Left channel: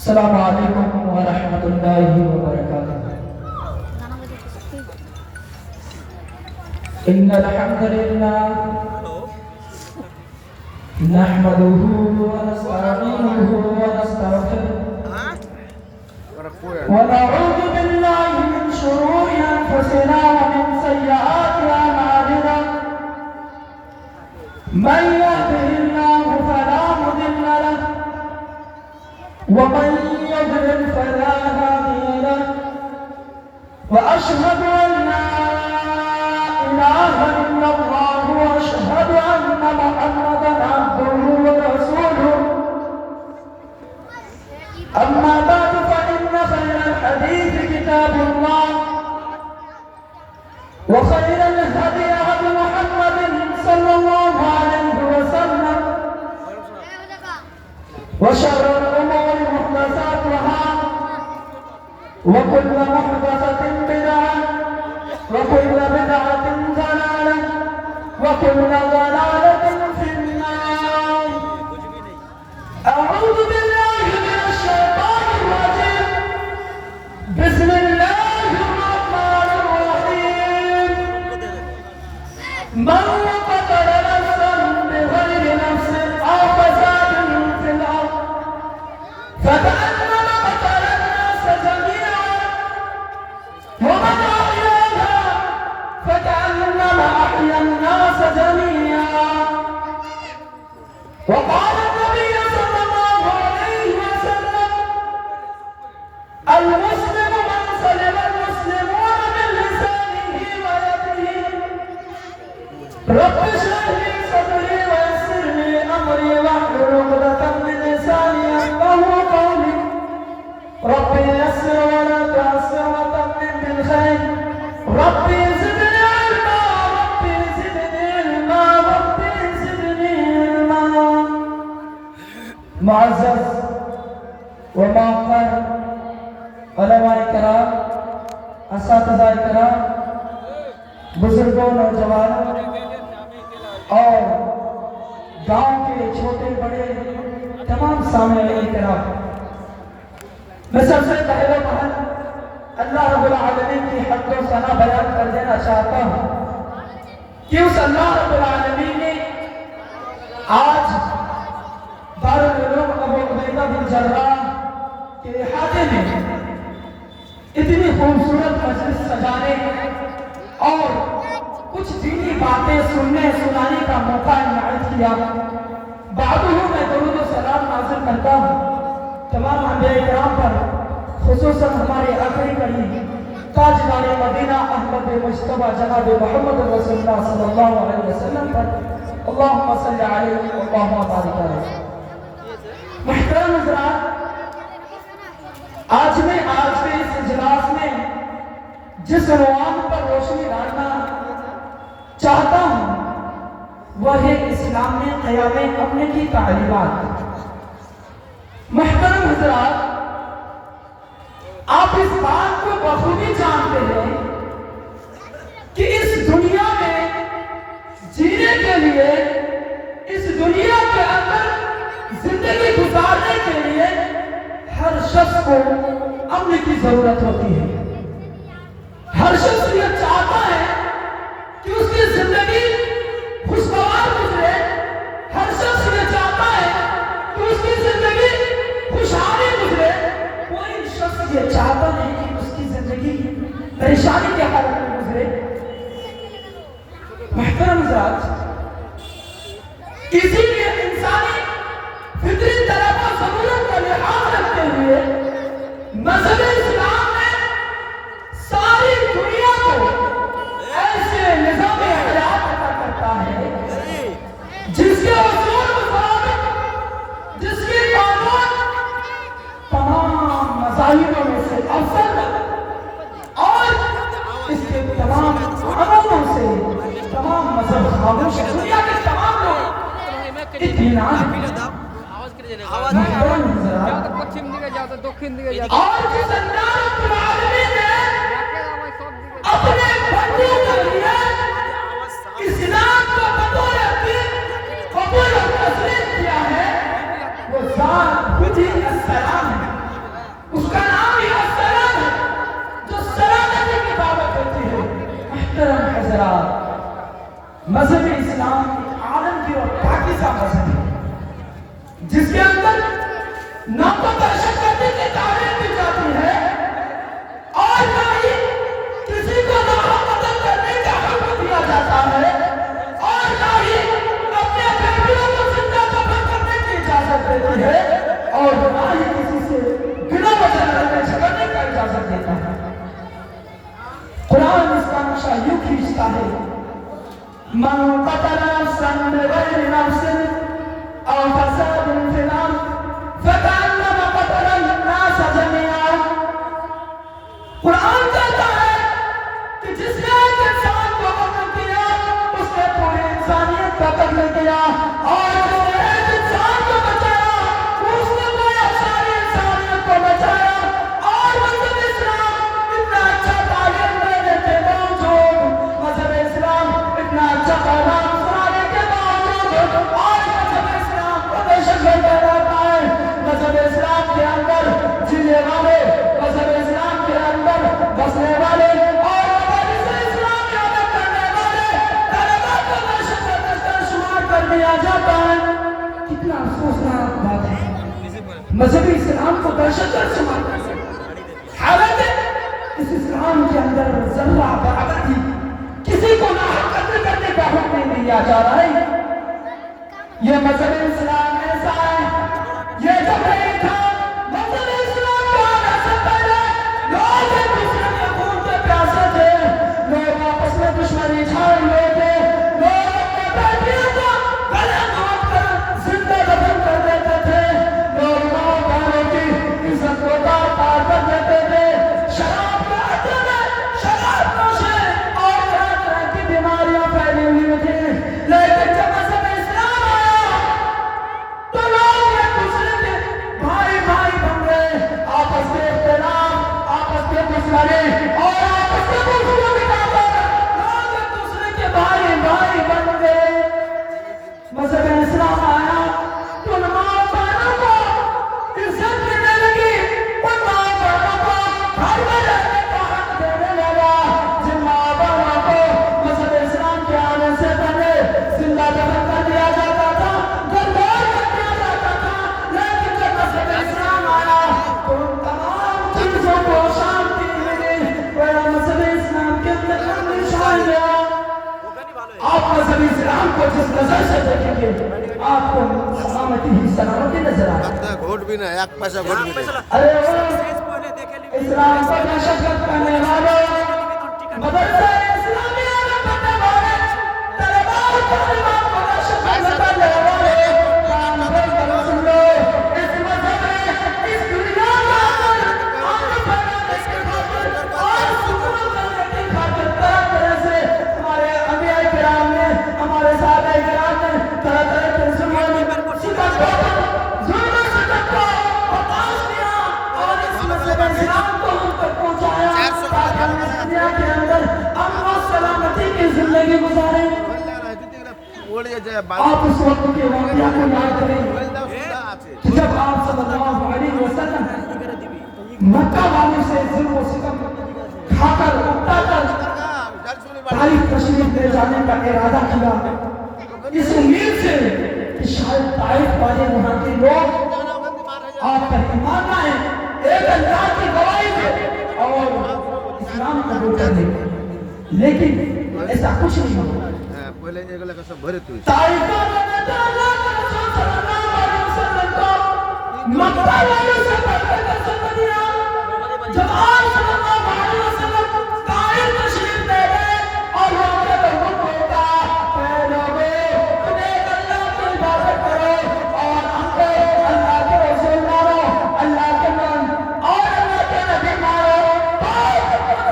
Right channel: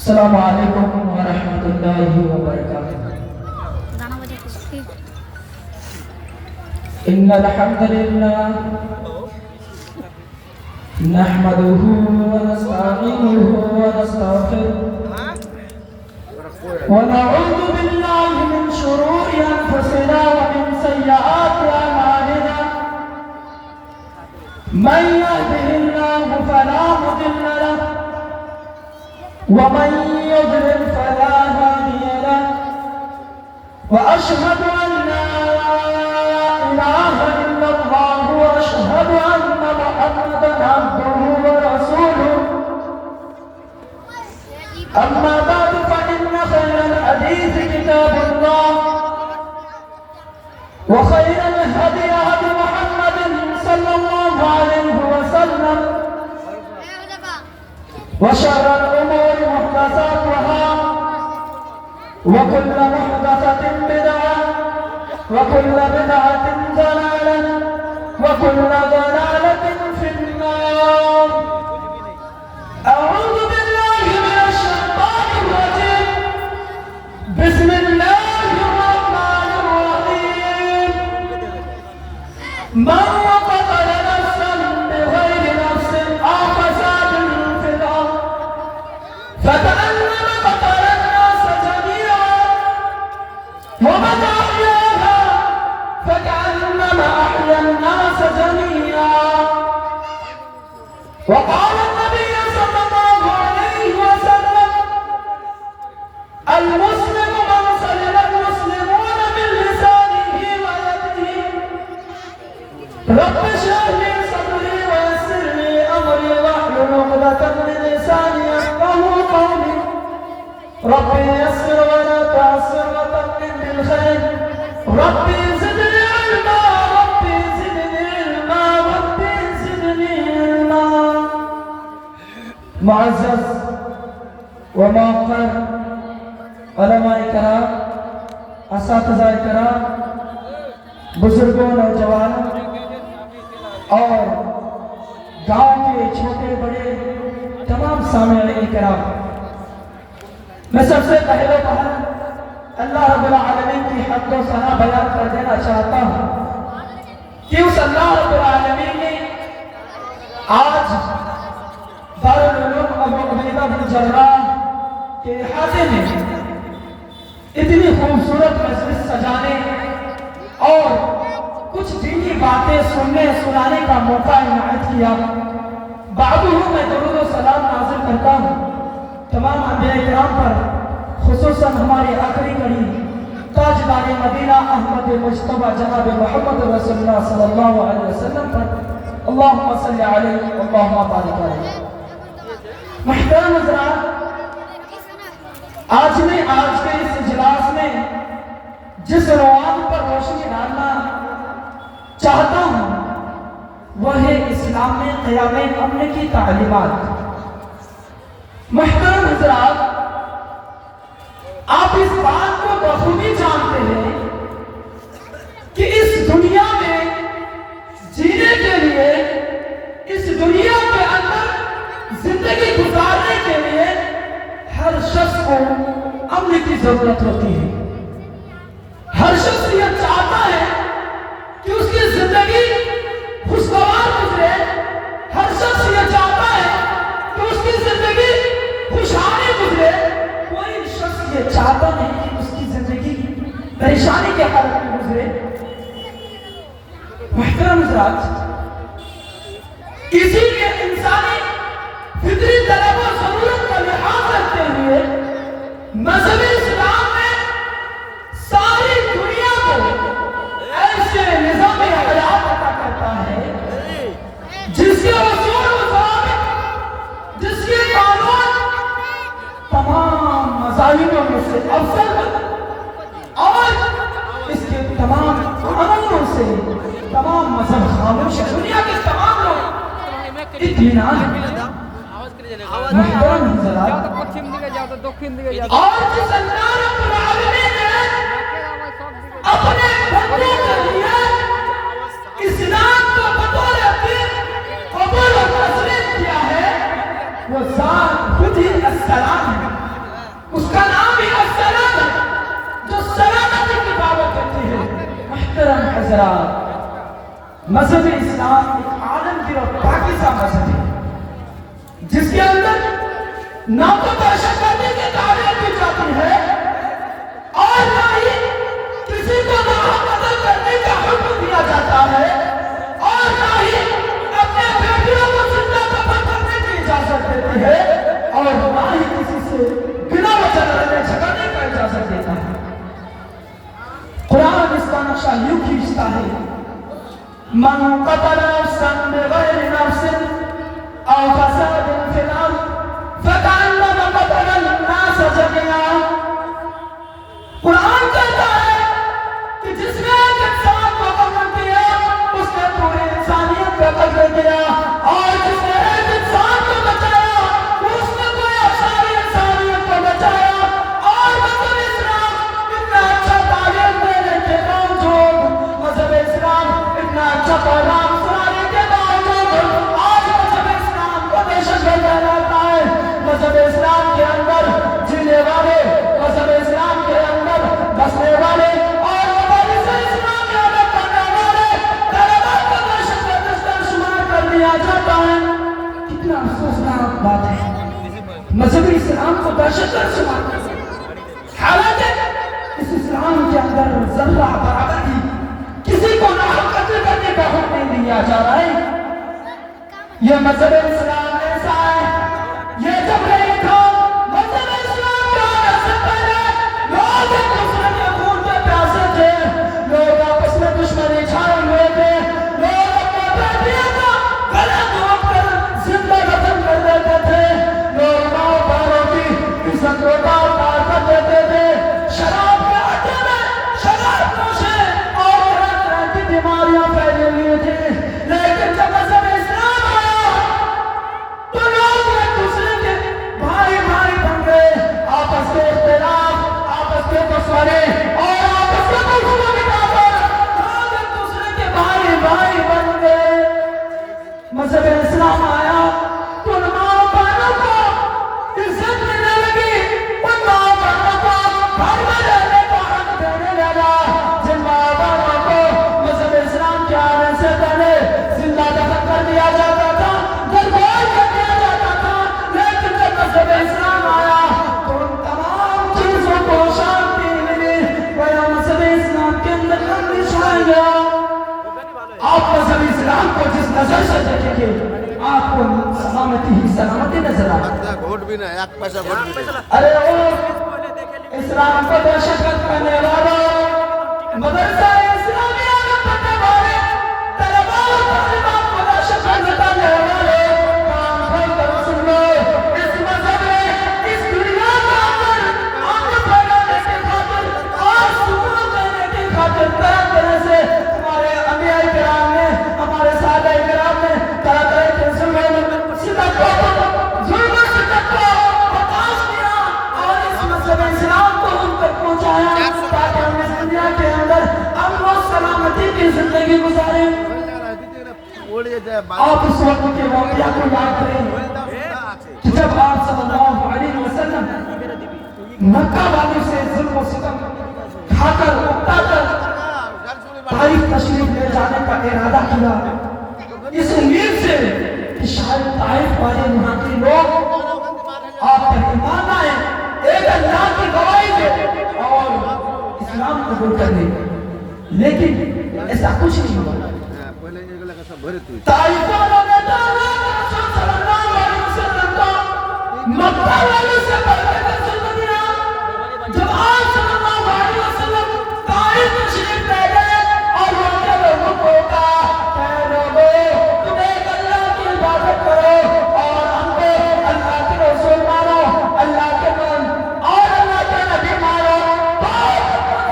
السلام علیکم ورحمۃ اللہ وبرکاتہ۔ ان الحمد للہ نحمده ونستعینه ونستغفره ونعوذ باللہ من شرور انفسنا ومن سیئات اعمالنا من يهده الله فلا مضل له ومن يضلل فلا هادي له واشهد ان لا اله الا الله واشهد ان محمدا عبده ورسوله اما بعد فان خير الحديث كتاب الله وخير الهدي هدي محمد صلى الله عليه وسلم وشر الامور محدثاتها وكل محدثة بدعة وكل بدعة ضلالة وكل ضلالة في النار أعوذ بالله من الشيطان الرجيم بسم الله الرحمن الرحيم من قتل نفسا بغير نفس أو فساد في الأرض فكأنما قتل الناس جميعا ومن أحياها فكأنما أحيا الناس جميعا وقال النبي صلى الله عليه وسلم المسلم من سلم المسلمون من لسانه ويده رب اشرح لي صدري ويسر لي أمري واحلل عقدة من لساني يفقهوا قولي ربي يسر ولا تعسر وتمم بالخير ربي زدني علما ربي زدني علما ربي زدني علما معزز ومعقر علماء کرام اساتذہ کرام بزرگوں نوجوان اور گاؤں کے چھوٹے بڑے تمام سامعین کرام میں سب سے پہلے اللہ رب العالمین کی حمد و ثنا بیان کر دینا چاہتا ہوں کہ اس اللہ رب العالمین نے آج دارالعلوم ابو عبیدہ بن جراح کے احاطے میں اتنی خوبصورت مجلس سجانے اور کچھ دینی باتیں سننے سنانے کا موقع عنایت کیا۔ بعد میں درود و سلام نازل کرتا ہوں تمام انبیاء کرام پر، خصوصاً ہمارے آخری کڑی تاجدار مدینہ احمد مجتبی جناب محمد رسول اللہ صلی اللہ علیہ وسلم پر اللہم صلی علیہ اللہم بارک علیہ۔ محترم حضرات، آج کے اس اجلاس میں جس عنوان پر روشنی ڈالنا چاہتا ہوں وہ ہے اسلام میں قیام امن کی تعلیمات۔ محترم حضرات، آپ اس بات کو بخوبی جانتے ہیں کہ اس دنیا میں جینے کے لیے، اس دنیا کے اندر زندگی گزارنے کے لیے ہر شخص کو امن کی ضرورت ہوتی ہے۔ ہر شخص یہ چاہتا ہے کہ اس کی زندگی خوشگوار گزرے، ہر شخص یہ چاہتا ہے کہ اس کی زندگی خوشحالی گزرے، کوئی شخص یہ چاہتا نہیں کہ اس کی زندگی پریشانی کے حالت میں گزرے۔ محترم حضرات، اسی لیے انسانی فطری طلب و ضرورت کا لحاظ رکھتے ہوئے مذہب اسلام نے ساری دنیا کو ایسے نظام حیات عطا کرتا ہے جس کے اصول و ضوابط، جس کے قانون تمام مذاہبوں میں سے افضل اور اس کے تمام قانونوں سے تمام مذہب خاموش ہے۔ دنیا کے تمام لوگ اطمینان محترم حضرات، اور جس اللہ رب العالمین نے اپنے بندوں کے لیے اسلام کو بطور دین قبول و تسلیم کیا ہے، وہ ذات خود ہی السلام ہے۔ مذہب اسلام ایک عالمگیر اور پاکیزہ مذہب ہے جس کے اندر نہ تو دہشت گردی کی تعریف دی جاتی ہے اور نہ ہی کسی کو ناحق قتل کرنے کا حق دیا جاتا ہے اور نہ ہی اپنے بیٹیوں کو زندہ دفن کرنے کی اجازت دیتی ہے اور نہ ہی کسی سے بنا وجہ لڑنے جھگڑنے کا اجازت دیتا ہے۔ قرآن اس کا نقشہ یوں کھینچتا ہے من قتل نفسا بغیر نفس او فساد فی الارض فکأنما قتل الناس جميعا۔ قرآن کہتا ہے کہ جس نے ایک انسان کو قتل کیا اس نے پوری انسانیت کا قتل کیا اور جس نے ایک انسان کو بچایا اس نے پوری ساری انسانیت کو بچایا۔ اور مذہب اسلام اتنا اچھا تعلیم دینے کے باوجود مذہب اسلام اتنا اچھا پیغام سنانے کے باوجود آج مذہب اسلام کو دہشت گرد کہلاتا ہے۔ مذہب اسلام کے اندر جینے والے، مذہب اسلام کے اندر بسنے والے اور مبادئ اسلام کی عادت کرنے والے طلباء کو دہشت گرد شمار کر دیا جاتا ہے۔ کتنا افسوسناک بات ہے، مذہب اسلام کو دہشت گرد شمار کر دیا، حالانکہ اس اسلام کے اندر ذرہ برابر بھی کسی کو ناحق قتل کرنے کا حکم نہیں دیا جا رہا ہے۔ یہ مذہب اسلام ایسا ہے، یہ جب نہیں تھا مذہب اسلام کا آنے سے پہلے لوگ ایک دوسرے کے خون کے پیاسے تھے، لوگ آپس میں دشمنی چھائے ہوئے تھے، لوگ اپنے بیٹیوں کو گلا گھونٹ کر زندہ دفن کر دیتے تھے، لوگ ماں باپوں کی عزت کو تار تار کر دیتے تھے، شراب کے اڈے میں شراب نوشیں اور طرح طرح کی بیماریاں پھیلی ہوئی تھیں۔ لیکن جب مذہب اسلام آیا تو لوگ ایک دوسرے کے بھائی بھائی بن گئے، آپس کے اختلاف، آپس کے دشمنی اور آپس کے دشمنی مٹا کر لوگ ایک دوسرے کے بھائی بھائی بن گئے۔ مذہب اسلام آیا تو ان ماں بہنوں کو عزت ملنے لگی، ان ماں بہنوں کو گھر میں رہنے کا حق دینے لگا، جن ماں بہنوں کو مذہب اسلام کے آنے سے پہلے زندہ دفن کر دیا جاتا تھا، گھرگوش کر دیا جاتا تھا، لیکن جب مذہب اسلام آیا تو ان تمام چیزوں کو شانتی ملی، گویا مذہب اسلام کے اندر امن چھا گیا۔ آپ مذہب اسلام کو جس نظر سے دیکھیں گے آپ کو سلامتی ہی سلامتی نظر آئے۔ ووٹ بھی نہیں، ایک پیسہ ووٹ بھی نہیں۔ ارے وہ اسلام کو دہشت گرد کرنے والے، مدرسہ اسلامیہ میں پڑھنے والے، طلباء اور طالبات کو دہشت گرد کرنے والے کام بند کر سنو۔ اس مذہب نے اس دنیا کا امن پھیلانے کی خاطر اور سکون دینے کی خاطر طرح طرح سے ہمارے انبیاء کرام نے، ہمارے صحابہ کرام نے طرح طرح کے ظلم، ستم، ظلم و ستم کو برداشت کیا اور اس مذہب اسلام کو ہم تک پہنچایا تاکہ ہم اس دنیا کے اندر امن و سلامتی کی زندگی گزاریں۔ آپ اس وقت کے واقعہ کو یاد کریں کہ جب آپ صلی اللہ علیہ وسلم مکہ والوں سے ظلم و ستم کھا کر اکتا کر طائف تشریف لے جانے کا ارادہ کیا، اس امید سے کہ شاید طائف والے وہاں کے لوگ آپ کا ایمان لائیں، ایک اللہ کی گواہی دے اور اسلام قبول کر لیں، لیکن ایسا کچھ نہیں ہوا۔ طائف والوں نے رسول صلی اللہ علیہ وسلم کو مکہ والوں سے بڑھ کر ظلم دیا۔ جب آپ صلی اللہ علیہ وسلم طائف تشریف لے گئے اور وہاں کے لوگوں کو کہا کہ اے لوگوں تم ایک اللہ کی عبادت کرو اور ہم کو اللہ کے رسول مانو، اللہ کے مان اور اللہ کے نبی مانو۔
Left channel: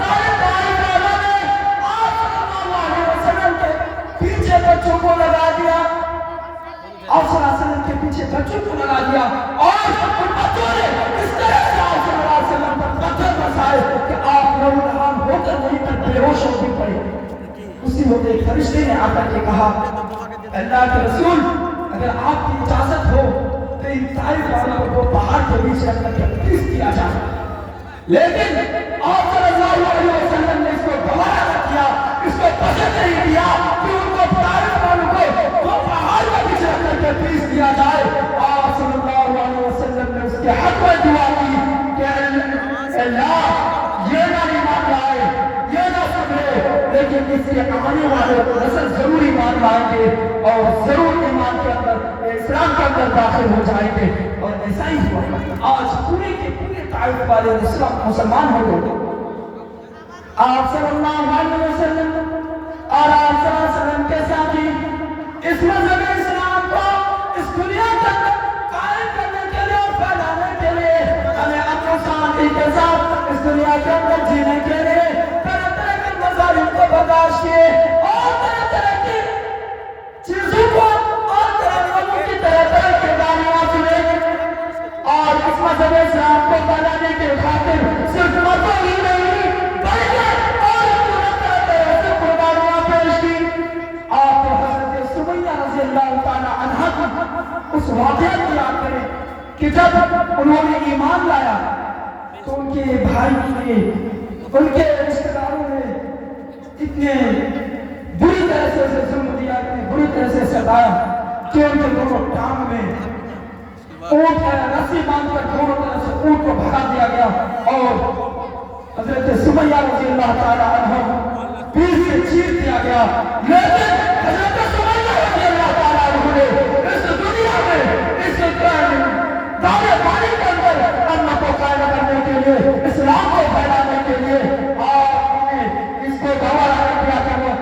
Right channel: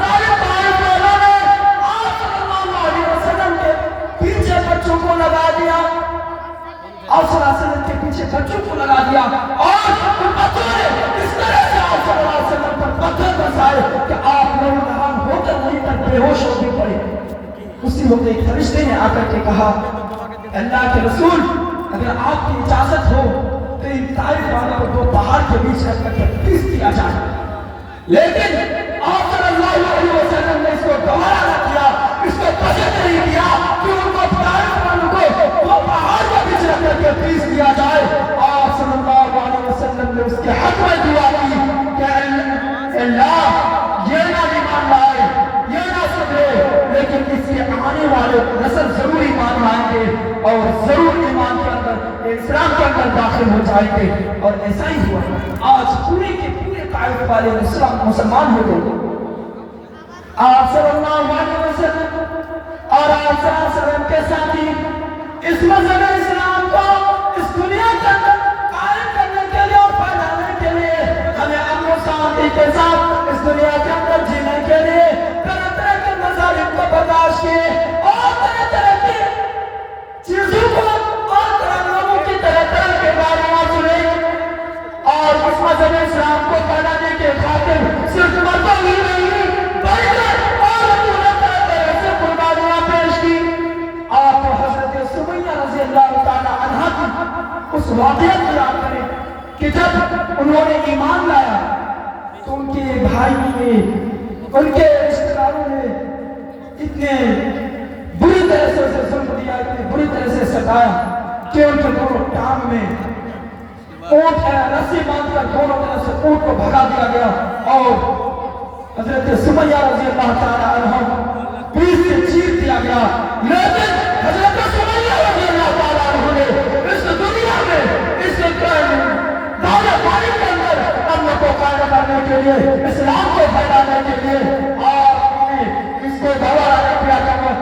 سارے طائف والوں نے آپ صلی اللہ علیہ وسلم کے پیچھے بچوں کو لگا دیا، آپ صلی اللہ علیہ وسلم کے پیچھے بچوں کو لگا دیا اور ان بچوں نے اس طرح سے آپ صلی اللہ علیہ وسلم پر پتھر برسائے کہ آپ نوجوان ہو کر نہیں تک بے ہوش ہو پڑے۔ اسی وقت ایک فرشتے نے آ کر کے کہا اللہ کے رسول اگر آپ کی اجازت ہو تو ان طائف والوں کو پہاڑ کے بیچ رکھ کر کے پیس دیا جائے، لیکن آپ صلی اللہ علیہ وسلم نے اس کو گوارا نہ کیا، اس کو پسند نہیں کیا کہ ان کو کہ حق میں دعا کی کہ اللہ یہ نہ ایمان لائے، یہ نہ سدھرے، لیکن اس کے آنے والے نسل ضرور ایمان لائیں گے اور ضرور ایمان کے اندر اسلام کے اندر داخل ہو جائیں گے۔ اور ایسا ہی ہوا، آج پورے کے پورے طائف والے اسلام مسلمان ہو گئے۔ آپ صلی اللہ علیہ وسلم اور آپ صلی اللہ علیہ وسلم کے ساتھی اس مذہب اسلام کو اس دنیا کے اندر قائم کرنے کے لیے اور پھیلانے کے لیے ہمیں امن و شانتی کے ساتھ اس دنیا کے اندر جینے کے لیے طرح طرح کے مذاہب کو برداشت کیے اور طرح طرح کی چیزوں کو اور طرح لوگوں کی طرح طرح کے گالیاں سنیں اور اس مذہب اسلام کو پھیلانے کے خاطر صرف مردوں ہی نہیں بلکہ اور طرح طرح سے قربانیاں پیش کی۔ آپ حضرت سمیہ رضی اللہ تعالی عنہ کی اس واقعہ کو یاد کریں کہ جب انہوں نے ایمان لایا تو ان کے بھائی نے، ان کے رشتہ داروں نے اتنے بری طرح سے اسے ظلم دیا، اتنی بری طرح سے ستایا کہ ان کے دونوں ٹانگ میں اونٹ ہے رسی باندھ کر دونوں طرح سے اونٹ کو بھگا دیا گیا اور حضرت سمیہ رضی اللہ تعالی عنہ بیچ سے چیر دیا گیا۔ لیکن حضرت سمیہ رضی اللہ تعالی عنہ نے اس دنیا میں اس دعوے پانی کے اندر امن کو قائم کرنے کے لیے، اسلام کو پھیلانے کے لیے اور اس کو گوارا نہیں کیا کہ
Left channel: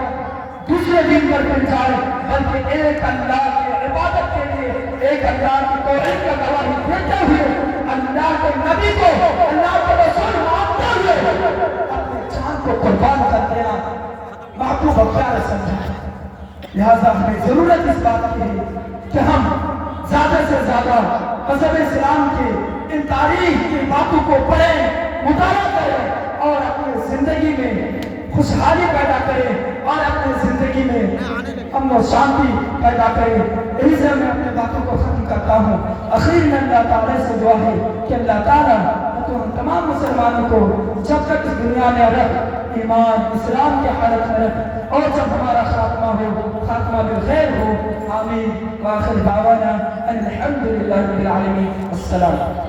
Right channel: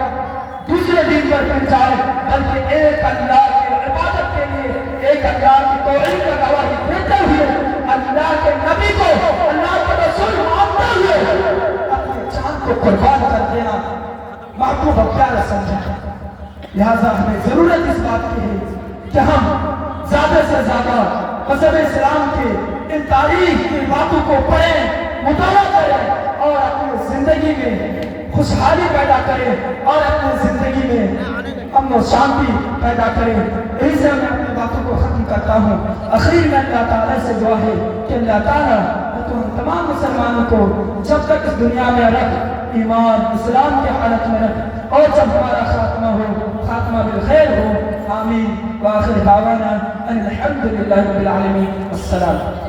دوسرے دین پر پھر جائے، بلکہ ایک اللہ کی عبادت کے لیے، ایک اللہ کی توحید کا گواہی دیتے ہوئے، اللہ کے نبی کو اللہ کے رسول مانتے ہوئے اپنی جان کو قربان کر دیا محبوب اب کیا سمجھا ہے۔ لہذا ہمیں ضرورت اس بات کی ہے کہ ہم زیادہ سے زیادہ مذہب اسلام کے ان تاریخ کی باتوں کو پڑھیں، مطالعہ کریں اور اپنی زندگی میں خوشحالی پیدا کریں اور اپنی زندگی میں امن و شانتی پیدا کریں۔ یہی سے میں اپنی باتوں کو ختم کرتا ہوں۔ آخری میں اللہ تعالیٰ سے دعا ہے کہ اللہ تعالیٰ ہم تمام مسلمانوں کو جب تک اس دنیا میں رکھ، ایمان اسلام کے حالت میں رکھ اور جب ہمارا خاتمہ بالخیر ہو۔ آمین۔ وآخر دعوانا ان الحمد للہ رب العالمین۔ السلام۔